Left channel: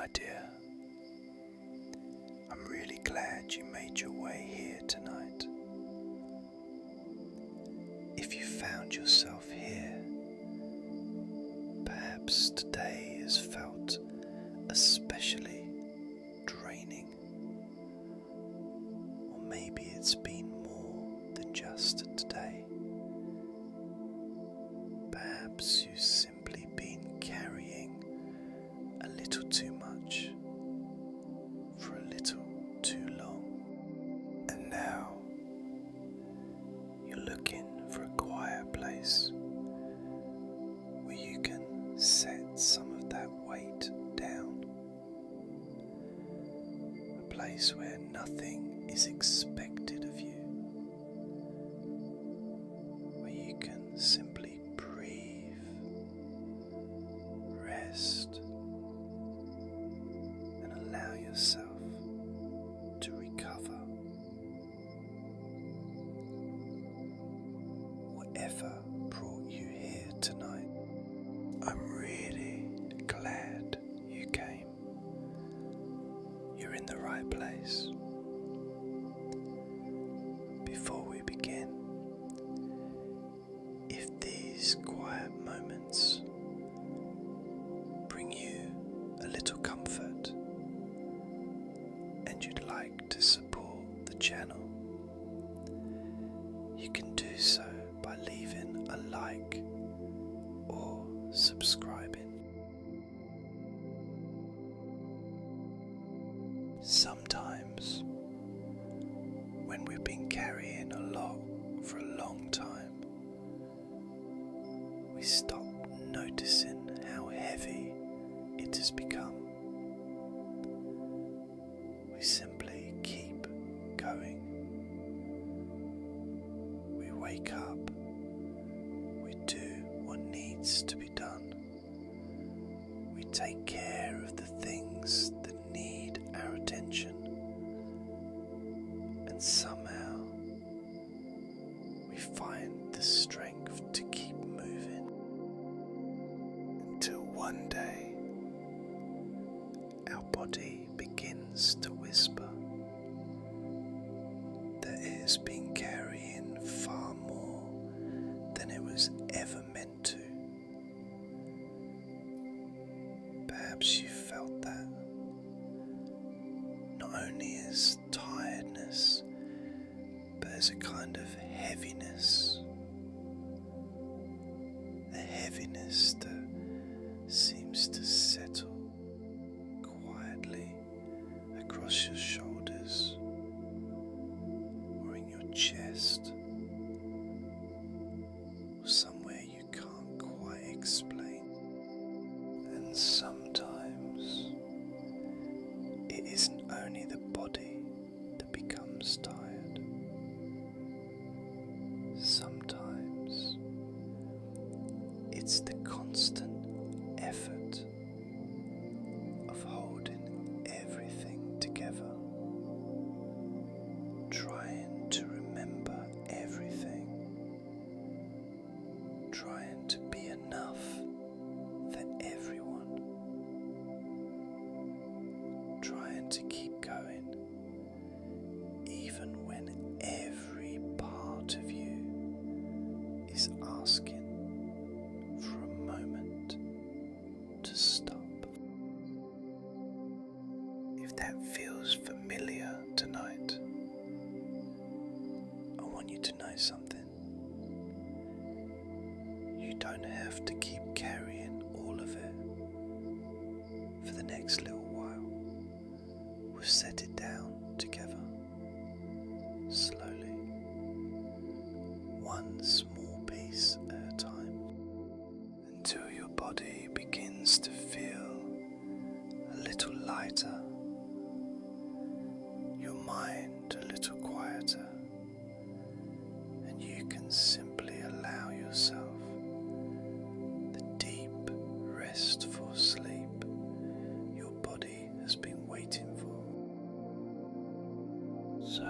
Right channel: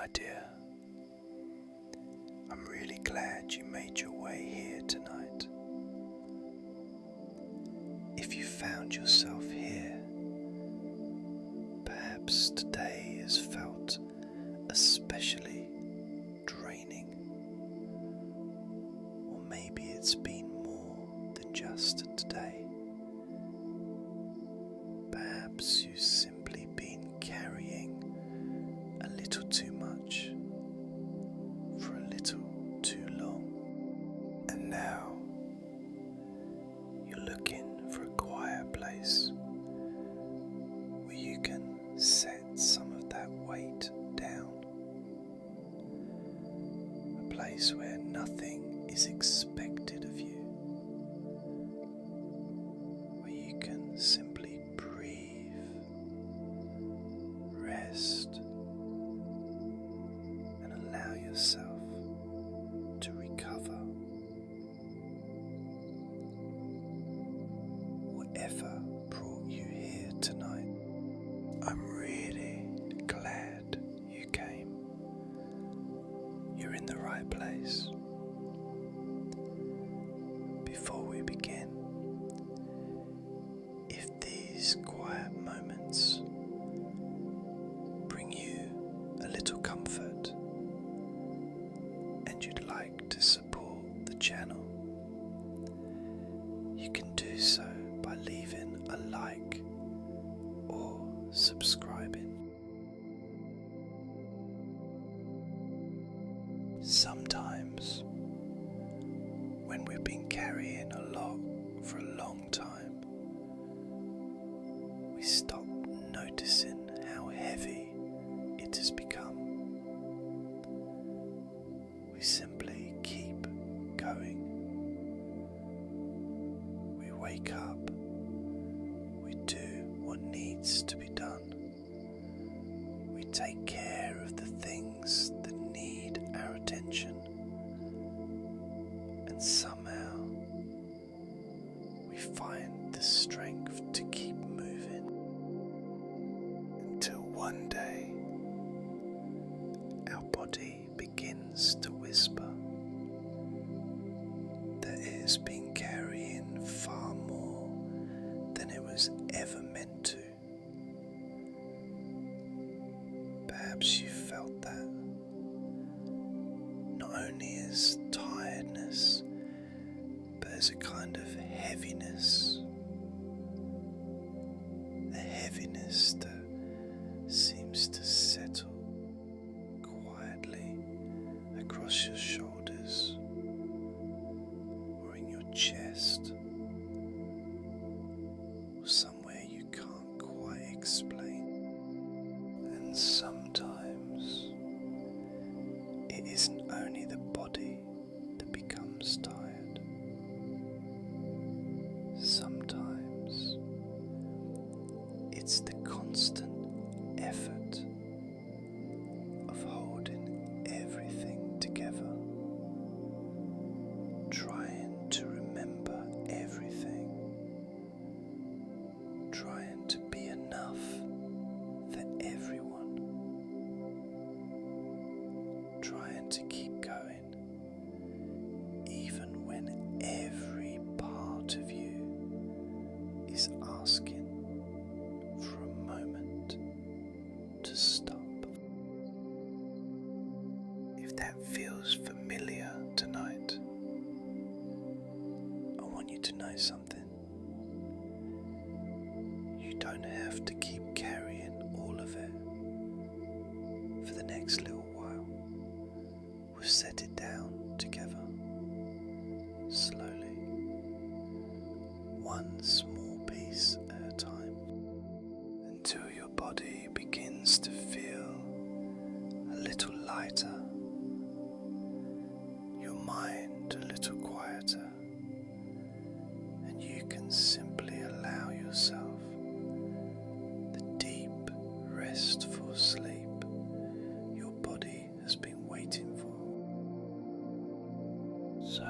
my dear. I'm really glad you made your way here tonight. If you found yourself here, perhaps today has felt especially draining, or maybe it's been more than just today. Perhaps you've simply been carrying a little too much for a little too long, and now you're looking for a quiet place where you can set some of that weight down, a place where nothing is expected of you, where you can simply breathe, rest, and allow yourself to recover. Whatever brought you here tonight, I'm really glad you came. You're in the right place. Before we begin, if these quiet moments bring you a little comfort and you'd like to support the channel, you can do so by leaving a like or subscribing. Sometimes, when we've been carrying a lot for a long time, we stop noticing how heavy it has become. We simply keep going. We wake up, we do what needs to be done. We take care of the things that need our attention, and somehow we find the strength to keep moving until one day our body begins to whisper that it has been carrying far more than it was ever meant to. Perhaps you felt that, not only as tiredness, but as a kind of heaviness, a heaviness that seems to settle quietly across your shoulders or in your chest, or somewhere you can't quite explain. And sometimes it isn't only the body that becomes tired. Sometimes it's the constant effort of holding everything together, trying to remember everything, trying to be enough for everyone, trying to keep going even when every part of you is asking for a moment to stop. If that feels familiar tonight, I want you to know something. You don't have to keep carrying all of it for the next little while. We'll set it down together, slowly, one small piece at a time, until your body begins to feel a little lighter, your mind a little quieter, and you can simply allow yourself the deep, restful sleep your body has been waiting for. So,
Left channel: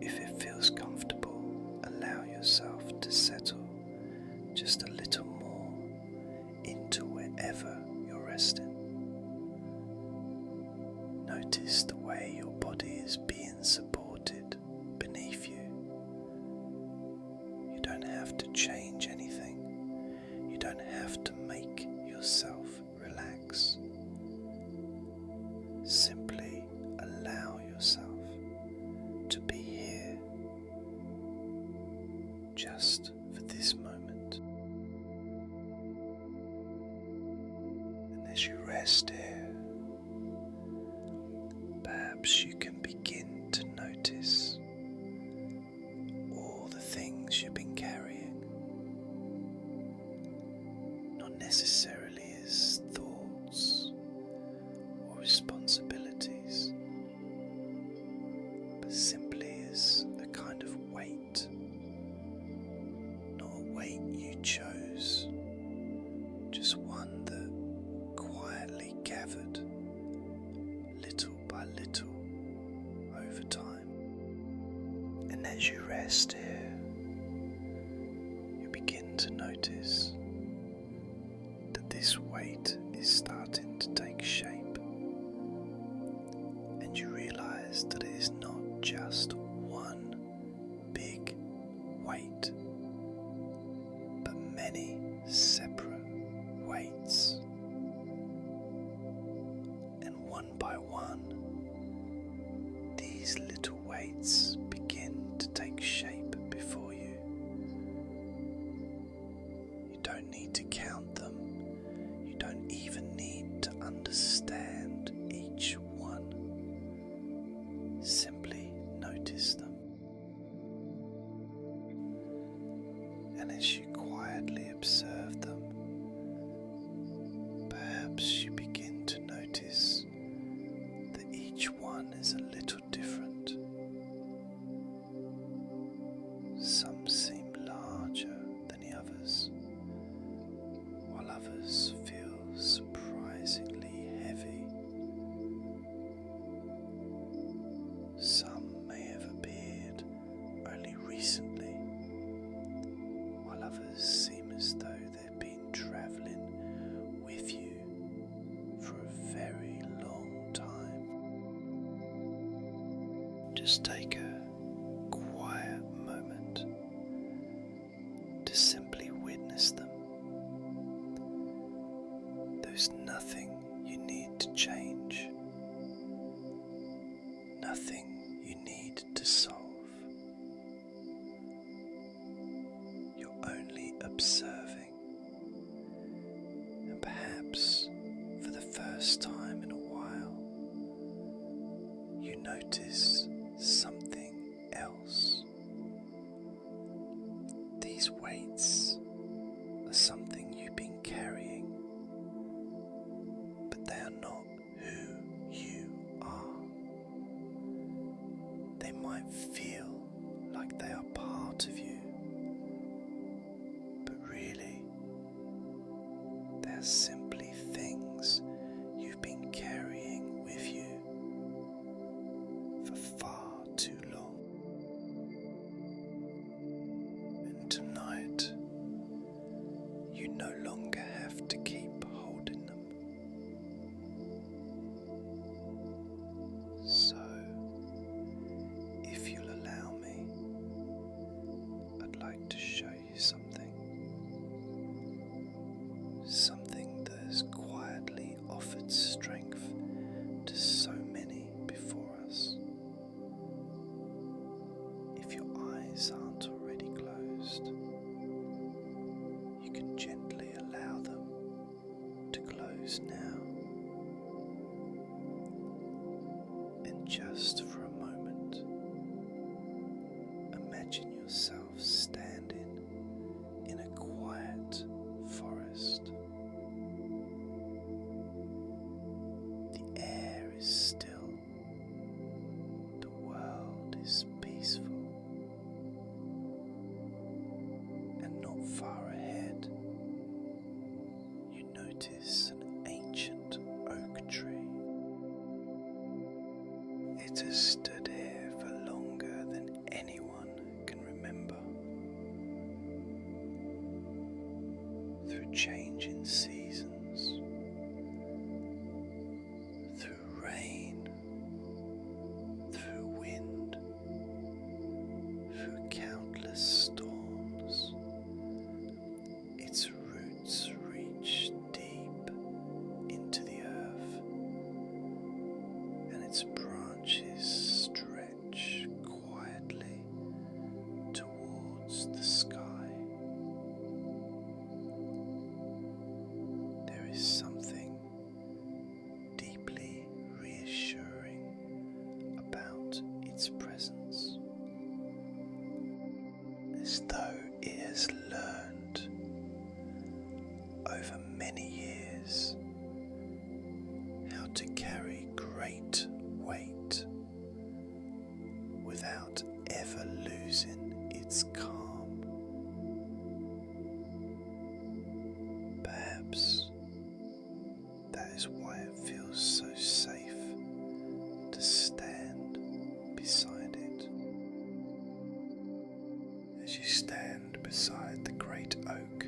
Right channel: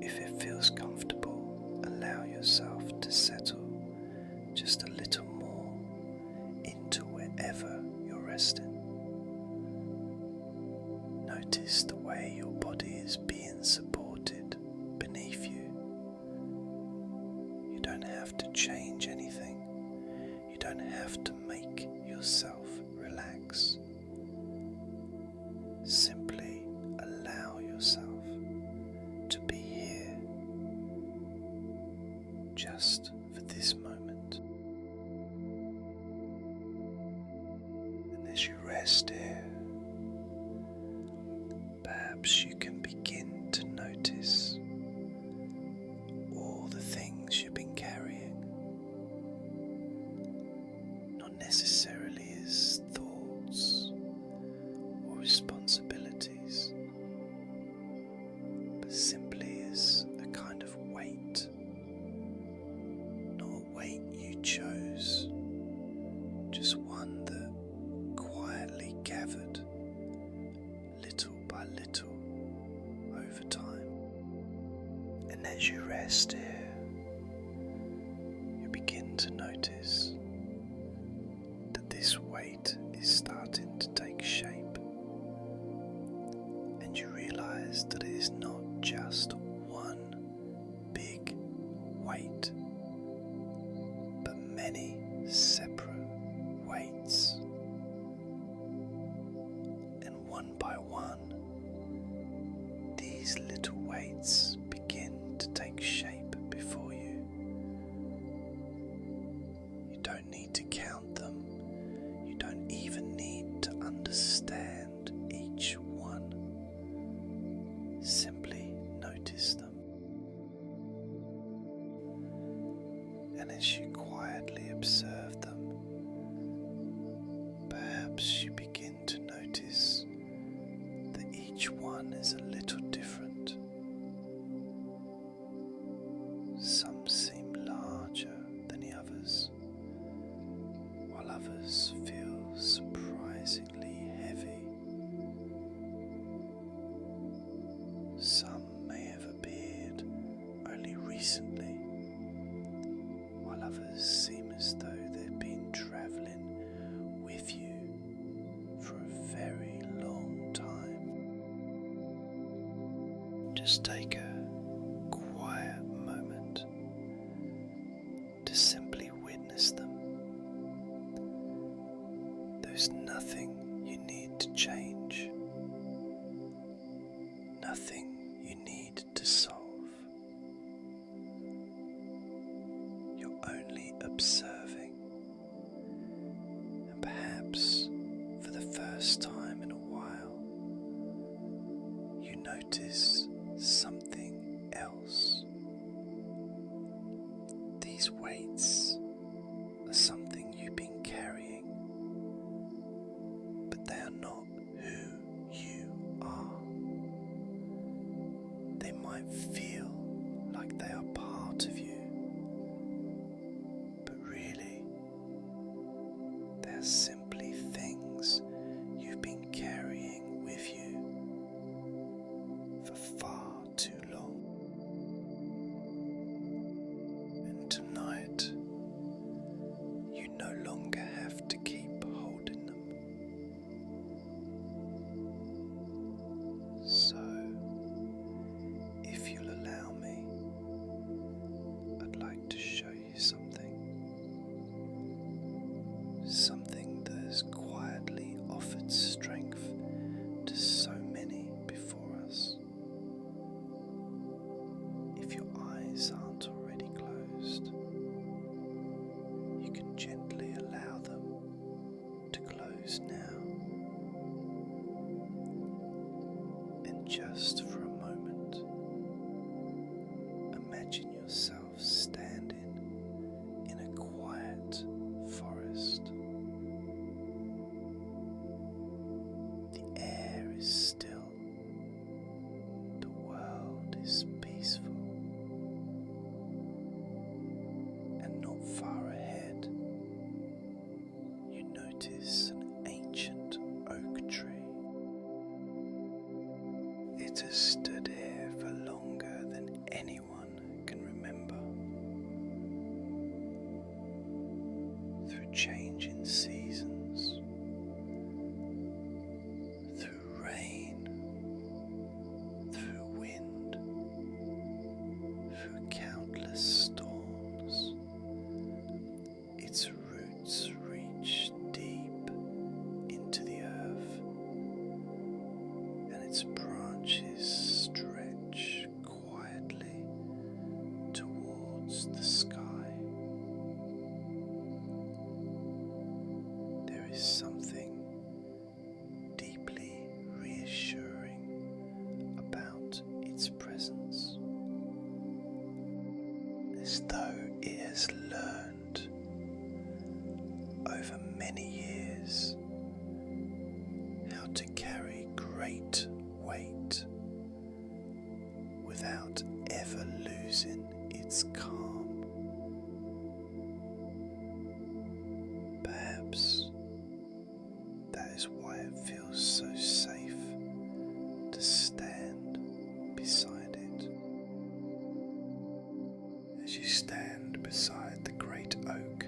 if it feels comfortable, allow yourself to settle just a little more into wherever you're resting. notice the way your body is being supported beneath you. You don't have to change anything. You don't have to make yourself relax. Simply allow yourself to be here just for this moment. And as you rest here, perhaps you can begin to notice all the things you've been carrying, not necessarily as thoughts or responsibilities, but simply as a kind of weight, not a weight you chose, just one that quietly gathered little by little over time. And as you rest here, you begin to notice that this weight is starting to take shape, and you realize that it is not just one big weight, but many separate weights. And one by one, these little weights begin to take shape before you. You don't need to count them. You don't even need to understand each one. Simply notice them. And as you quietly observe them, perhaps you begin to notice that each one is a little different. Some seem larger than the others, while others feel surprisingly heavy. Some may have appeared only recently, while others seem as though they've been travelling with you for a very long time. Just take a quiet moment to simply witness them. There's nothing you need to change, nothing you need to solve. You're only observing, and perhaps for the first time in a while, you notice something else. These weights are something you've been carrying, but they are not who you are. They might feel like they are part of you, but really, they're simply things you've been carrying with you for far too long. And tonight, you no longer have to keep holding them. So, if you'll allow me, I'd like to show you something. Something that has quietly offered strength to so many before us. If your eyes aren't already closed, you can gently allow them to close now. And just for a moment, imagine yourself standing in a quiet forest. The air is still, the world is peaceful, and not far ahead, you notice an ancient oak tree. It has stood here for longer than anyone can remember. Through changing seasons, through rain is something deeply reassuring about its presence, as though it has learned over many years how to carry great weight without ever losing its calm. Perhaps that is why it feels so safe to stand beside it. As you stand beside the great oak,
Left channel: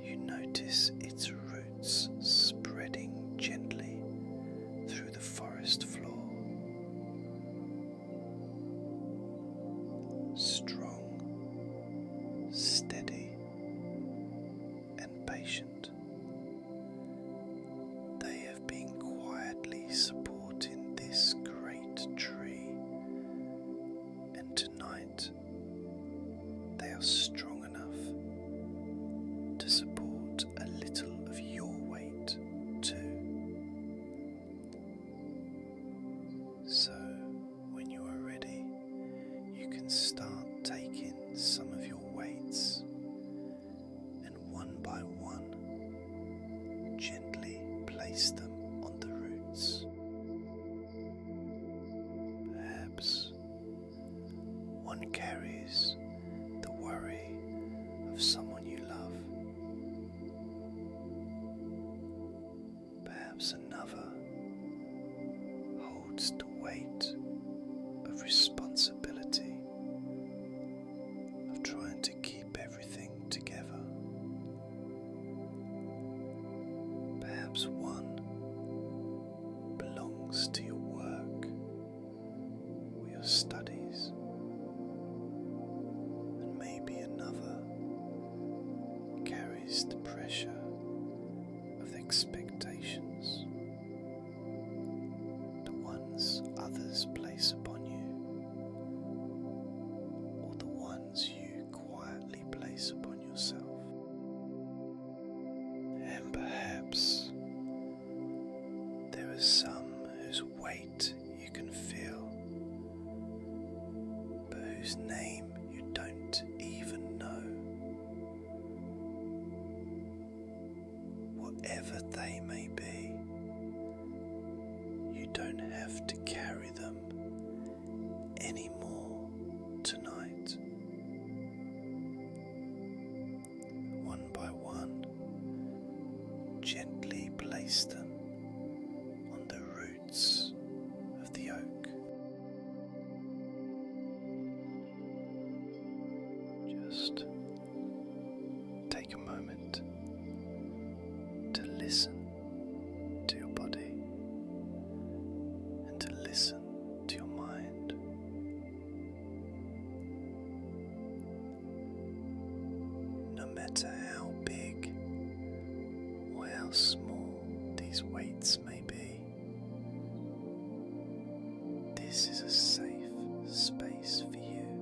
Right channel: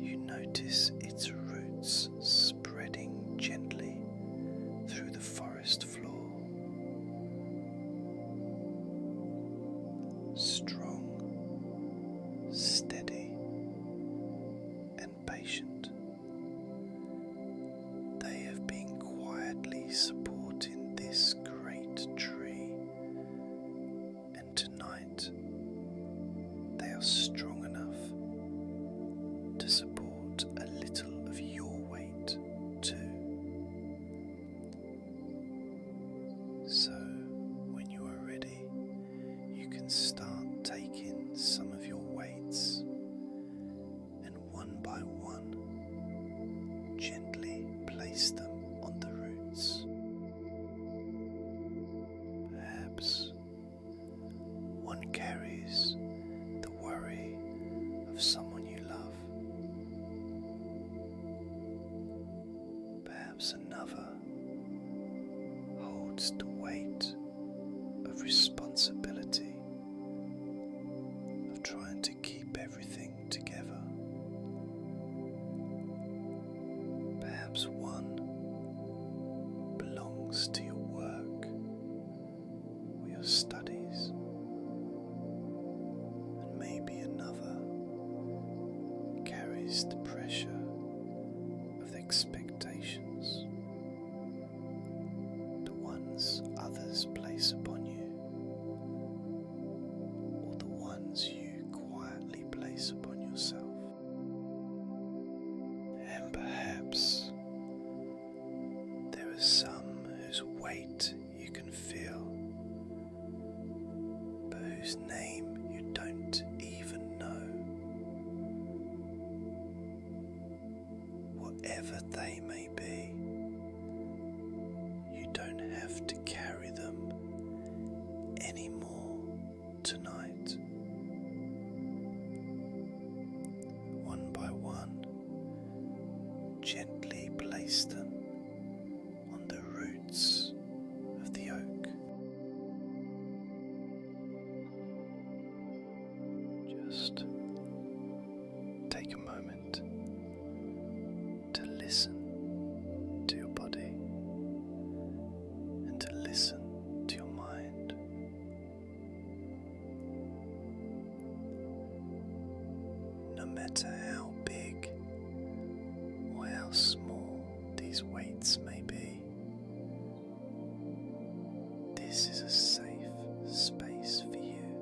you notice its roots spreading gently through the forest floor. Strong, steady, and patient, they have been quietly supporting this great tree, and tonight they are strong enough to support a little of your weight too. So, when you are ready, you can start taking some of your weights and one by one gently place them on the roots. Perhaps one carries the worry of someone you love. Perhaps another holds the weight of responsibility, of trying to keep everything together. Perhaps one belongs to your work or your studies, and maybe another carries the pressure of the expectations, the ones others place upon you, or the ones you quietly place upon yourself. And perhaps there are some whose weight you can feel, but whose name you don't even know. Whatever they may be, you don't have to carry them anymore tonight. One by one, gently place them on the roots of the oak. Just take a moment to listen to your body and to listen to your mind. No matter how big or how small these weights may be, this is a safe space for you.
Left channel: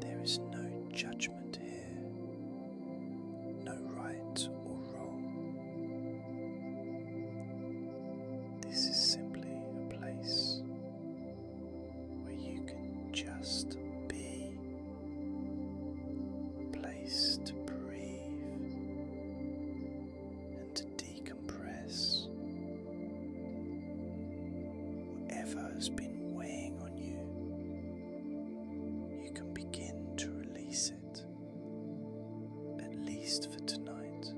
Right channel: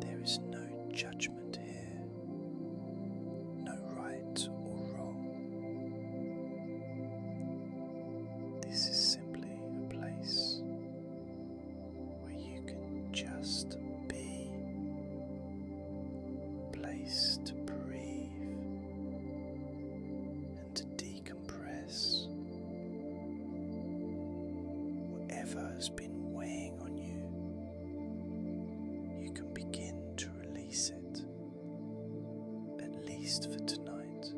There is no judgment here, no right or wrong. This is simply a place where you can just be, a place to breathe and to decompress. Whatever has been weighing on you, you can begin to release it, at least for tonight.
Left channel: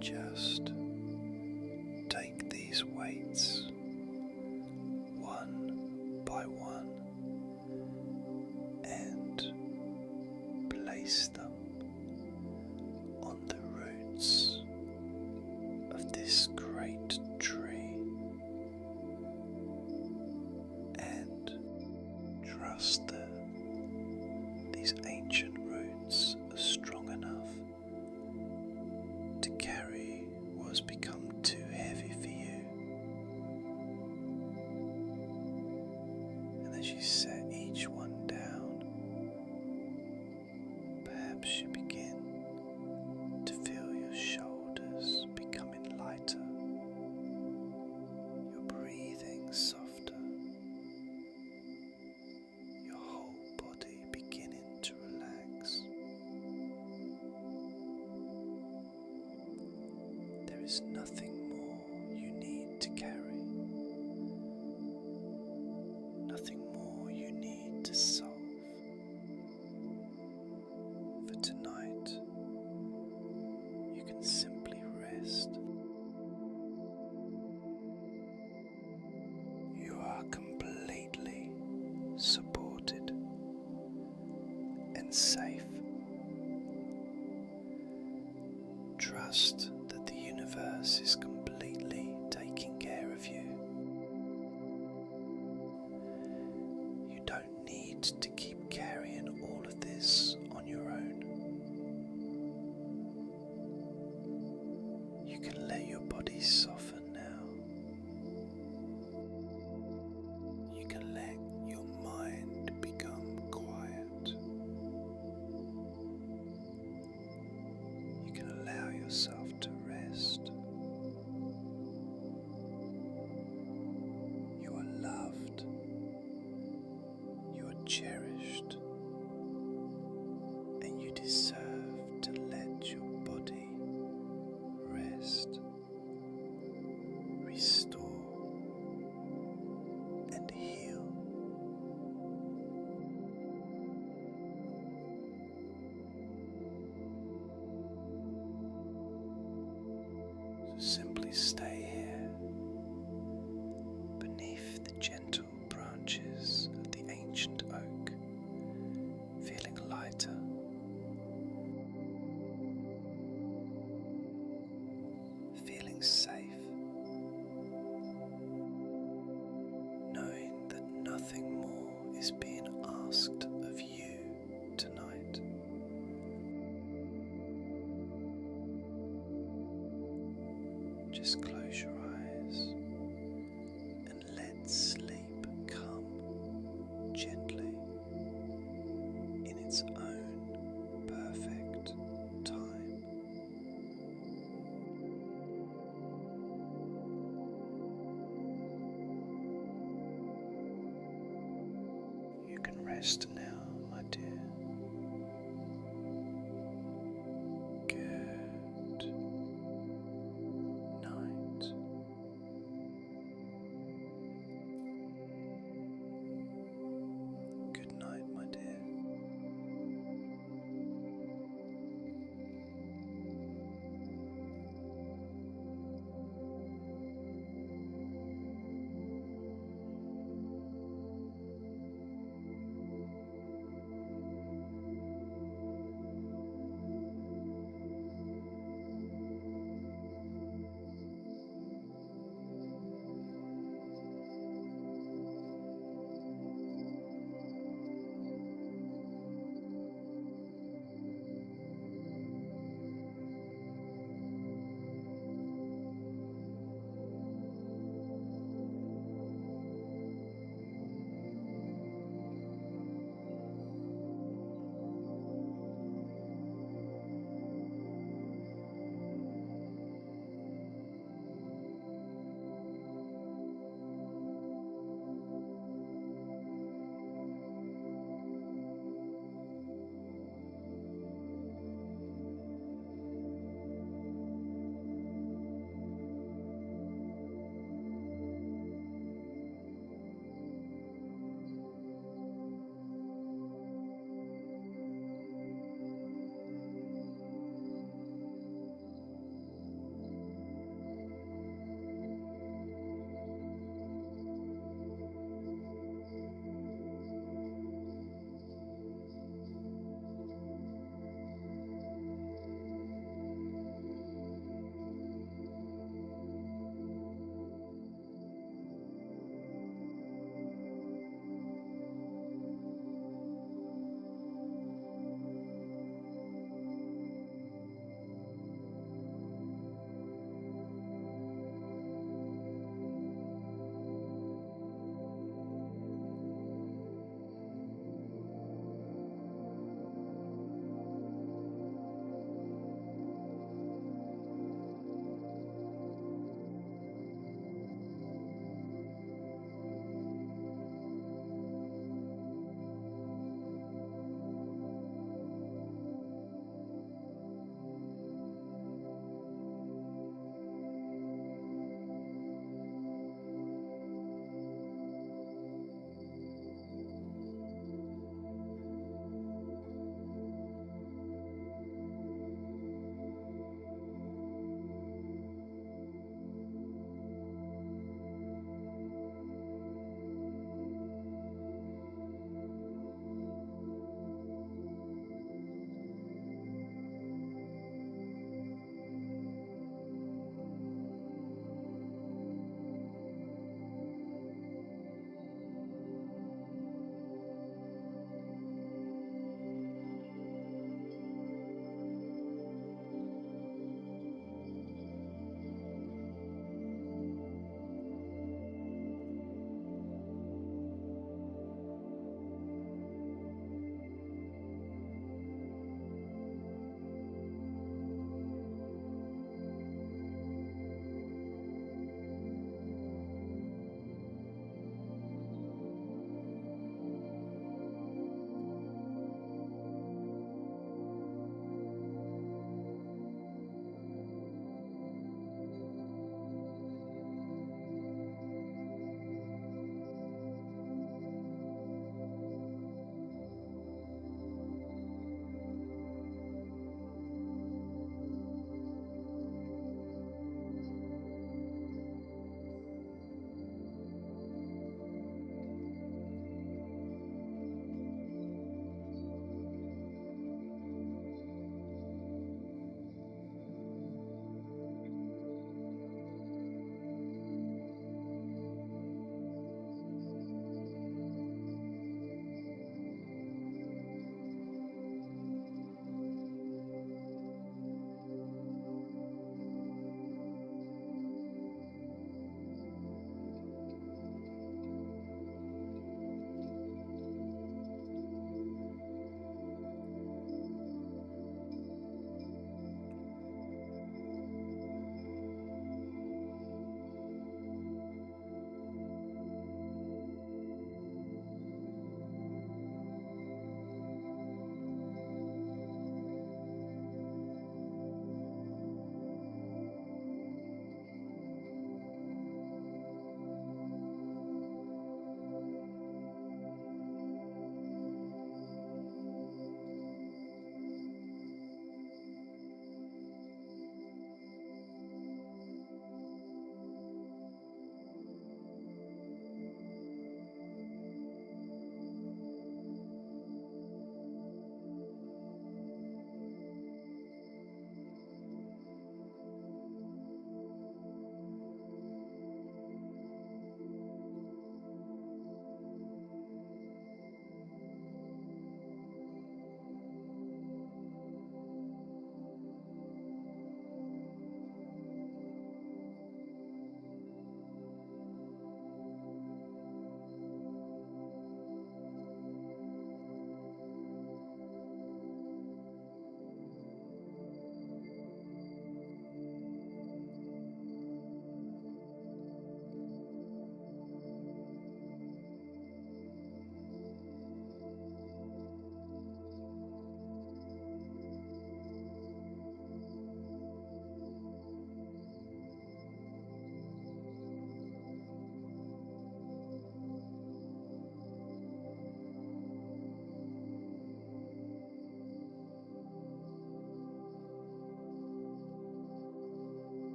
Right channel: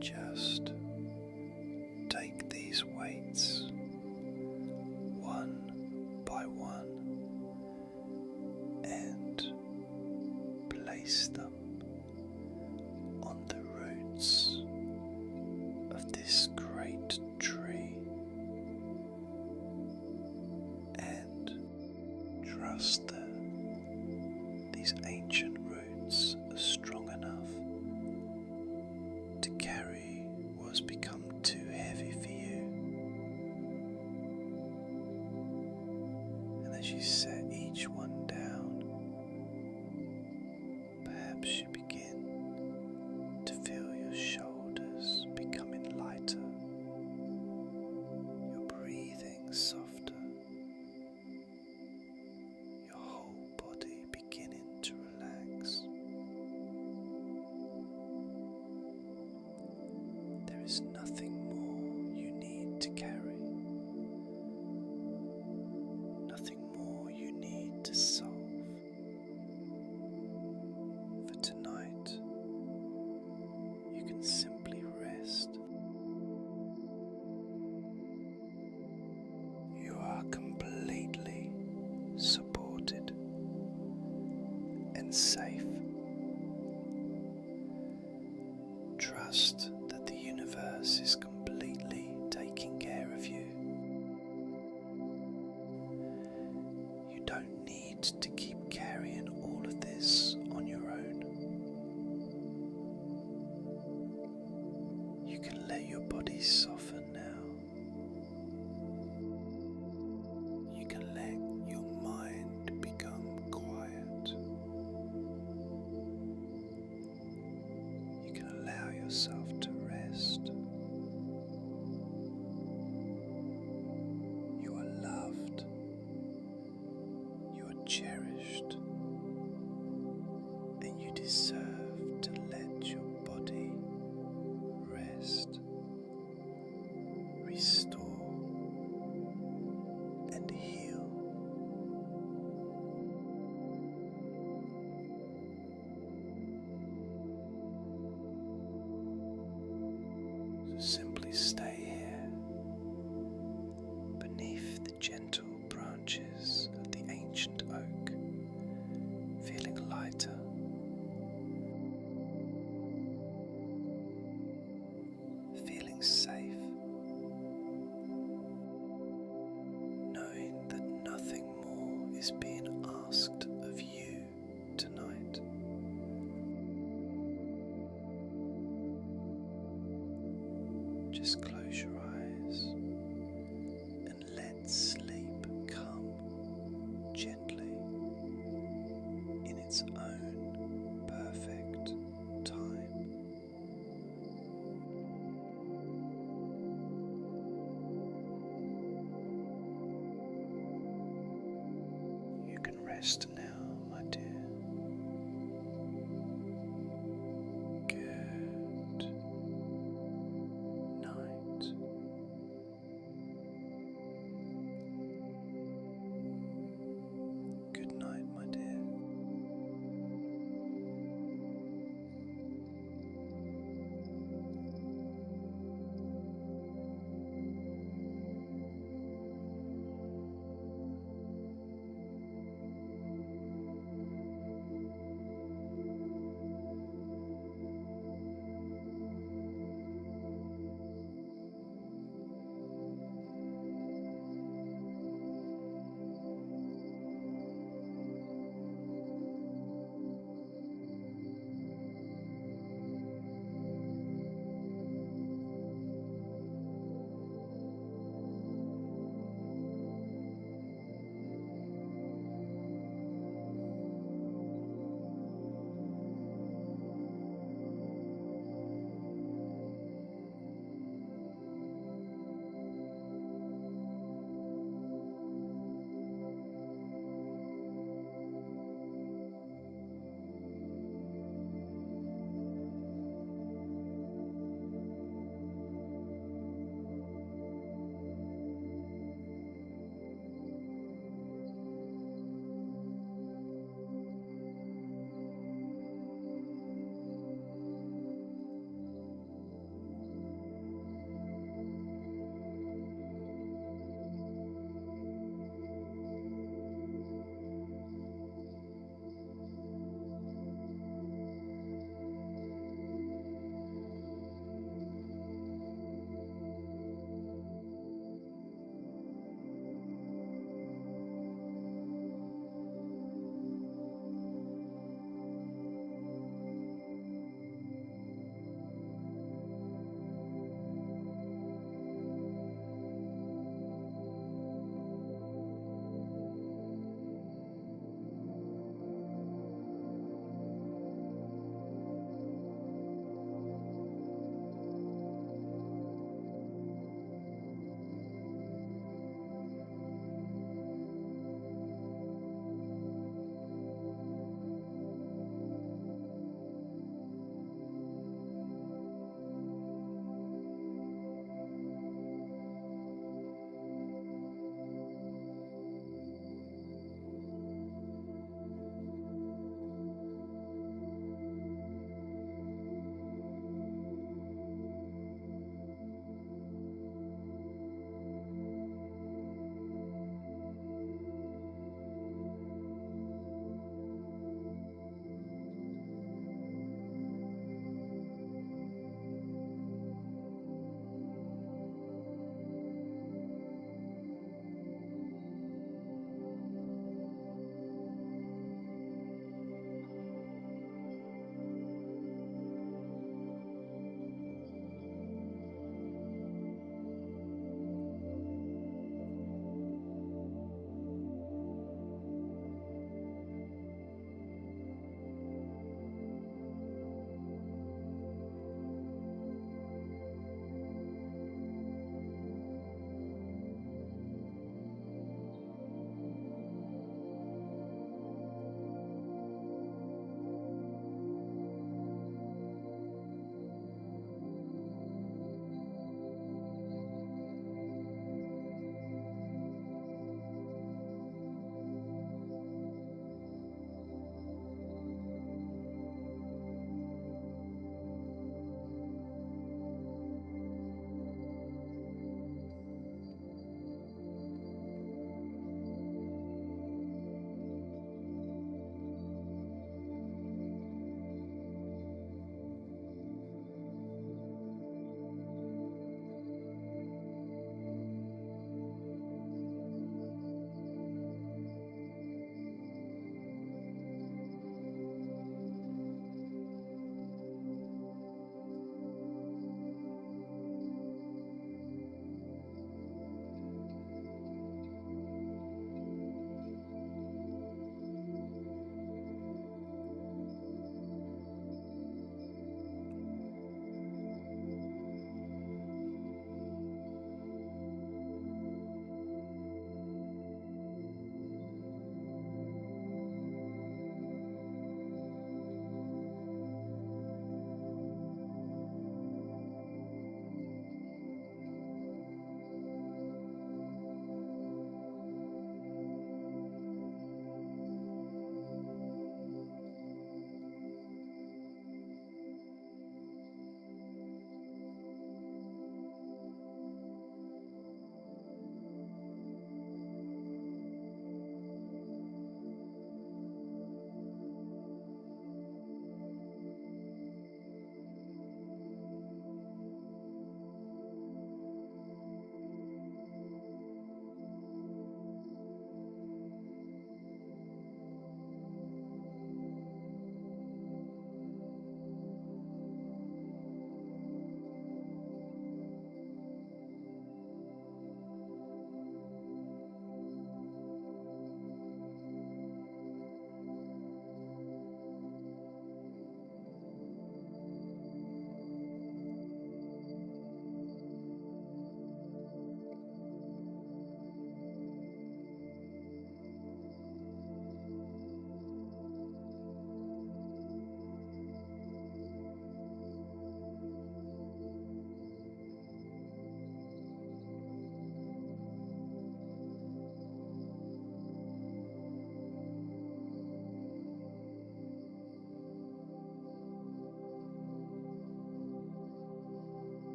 Just take these weights one by one and place them on the roots of this great tree, and trust that these ancient roots are strong enough to carry what has become too heavy for you. And as you set each one down, Perhaps you begin to feel your shoulders becoming lighter, your breathing softer, your whole body beginning to relax. There is nothing more you need to carry, nothing more you need to solve. For tonight, you can simply rest. You are completely supported and safe. Trust that the universe is completely taking care of you. You don't need to keep carrying all of this on your own. You can let your body soften now. You can let your mind become quiet. You can allow yourself to rest. You are loved. You are cherished. And you deserve to let your body rest, restore, and heal. So simply stay here beneath the gentle branches of the ancient oak, feeling lighter, feeling safe, knowing that nothing more is being asked of you tonight. Just close your eyes and let sleep come gently in its own perfect time. You can rest now.